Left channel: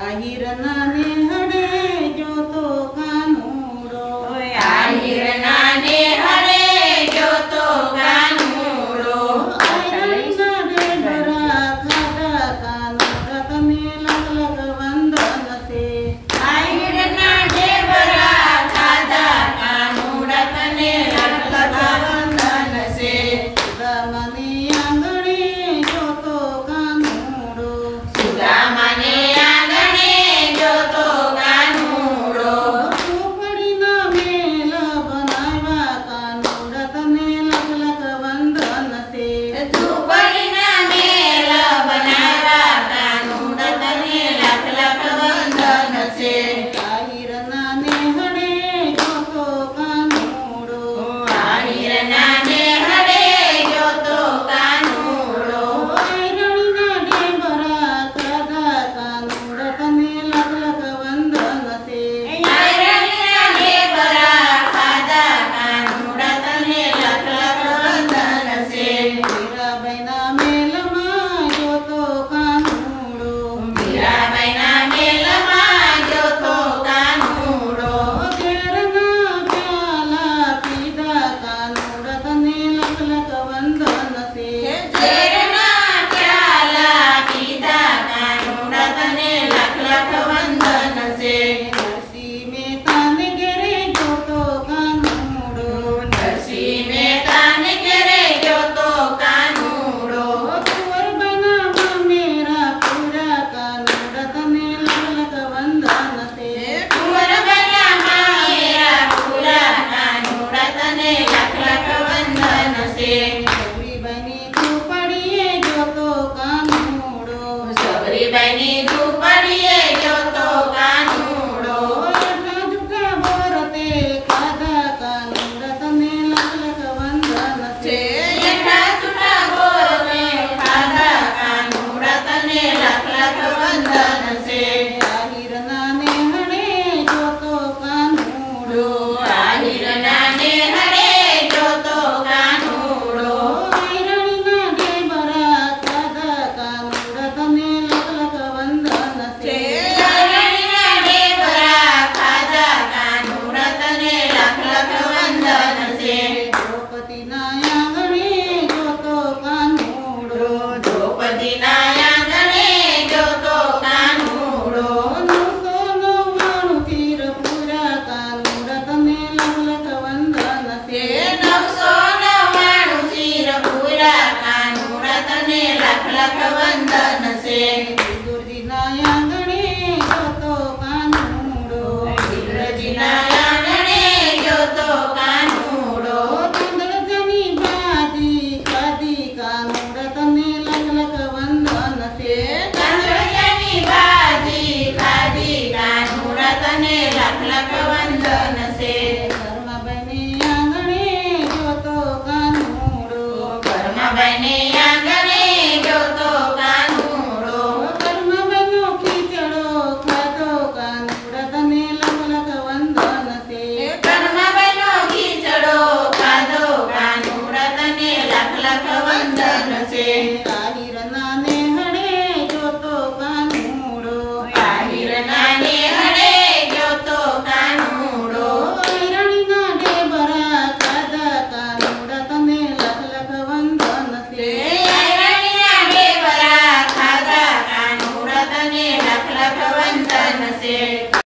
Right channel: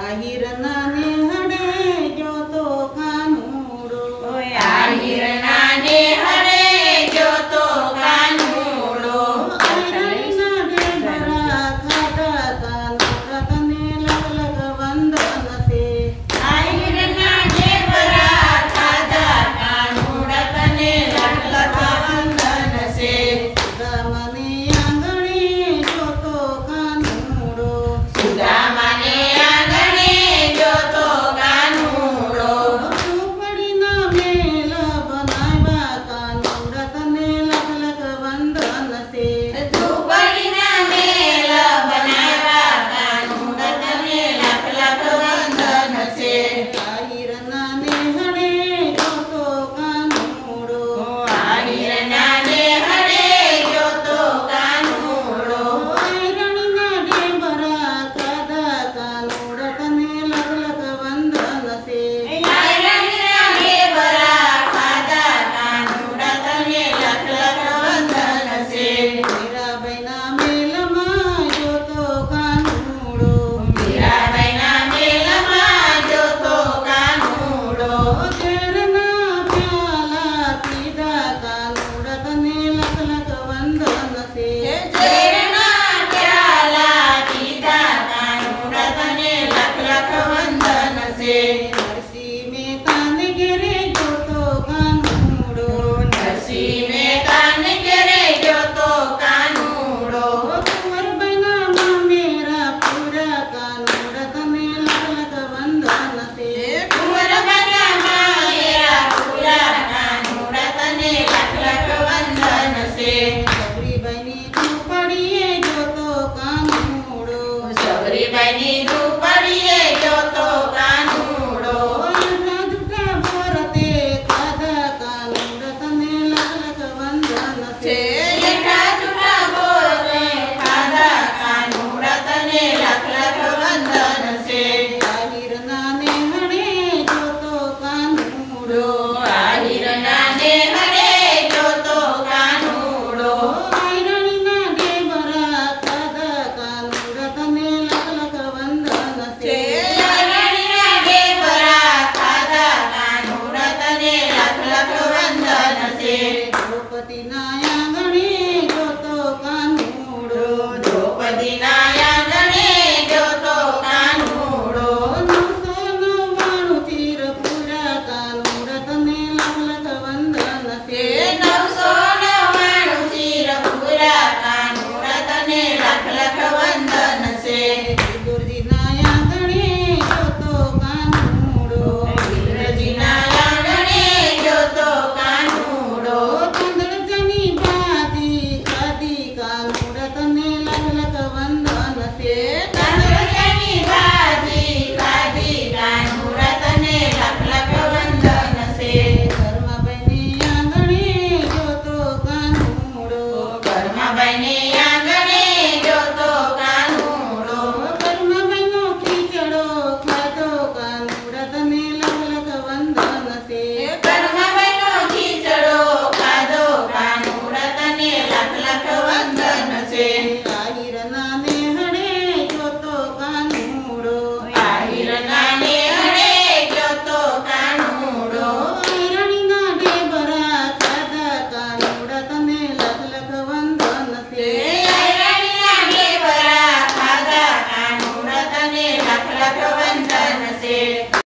आहिरना ने हरे जो तो कानूड़ो आहिरना ने हरे जो तो कानूड़ो आहिरना दे बरा खादा कानूड़ा तने लग लग वंदन से आहिरना दे बरा खादा कानूड़ा तने लग लग वंदन से सुदामने आंगणे जो तो कानूड़ो सुदामने आंगणे जो तो कानूड़ो झूपड़ीना मेला बनावा कानूड़ा तने लग लग वंदन से झूपड़ीना मेला बनावा कानूड़ा तने लग लग वंदन से आहिरना ने हरे जो तो कानूड़ो आहिरना ने हरे जो तो कानूड़ो आहिरणीना दे बरा खादा कानूड़ा तने लग लग वंदन से आहिरणीना दे बरा खादा कानूड़ा तने लग लग वंदन से मेरा बैना मेलमा जो तो कानूड़ो मेरा बैना मेलमा जो तो कानूड़ो तेरना प्याला पीदा कानूड़ा तने लग लग वंदन से जेरना प्याला पीदा कानूड़ा तने लग लग वंदन से नरसी में तान गिरे जो तो कानूड़ो नरसी में तान गिरे जो तो कानूड़ो कुंवर बैना मेरा पूरा कानूड़ा तने लग लग वंदन से कुंवर बना मेरा पूरा कानूड़ा तने लग लग वंदन से सबरी बनी झूपड़िए जो तो कानूड़ो सबरी बनी झूपड़िए जो तो कानूड़ो झुका बोरते खादा कानूड़ा तने लग लग वंदन से जेठा झूठा बोल में खादा कानूड़ा तने लग लग वंदन से आहिरना ने हरे जो तो कानूड़ो आहिरना ने हरे जो तो कानूड़ो आहिरणीना दे बरा खादा कानूड़ा तने लग लग वंदन से आहिरणीना दे बरा खादा कानूड़ा तने लग लग वंदन से द्रौपदी नायांगणे जो तो कानूड़ो द्रौपदी नायांगणे जो तो कानूड़ो नवसो नवाणु तीर पूरा कानूड़ा तने लग लग वंदन से नवसो नवाणु चीर पूरा कानूड़ा तने लग लग वंदन से दुर्जी नायांगणे जो तो कानूड़ो बिरजी नायांगणे जो तो कानूड़ो चंद्र जनी बाजी खादी कानूड़ा तने लग लग वंदन से चंद्रजनी बाजी खादी कानूड़ा तने लग लग वंदन से धर्म बने आंगणे जो तो कानूड़ो कर्म बने आंगणे जो तो कानूड़ो कर्म बनो कीचड़ो खादो कानूड़ा तने लग लग वंदन से कर्म बनो कीचड़ो खादो कानूड़ा तने लग लग वंदन से आहिरना ने हरे जो तो कानूड़ो आहिरना ने हरे जो तो कानूड़ो आहिरणीना दे बरा खादा कानूड़ा तने लग लग वंदन से आहिरणीना दे बरा खादा कानूड़ा तने लग लग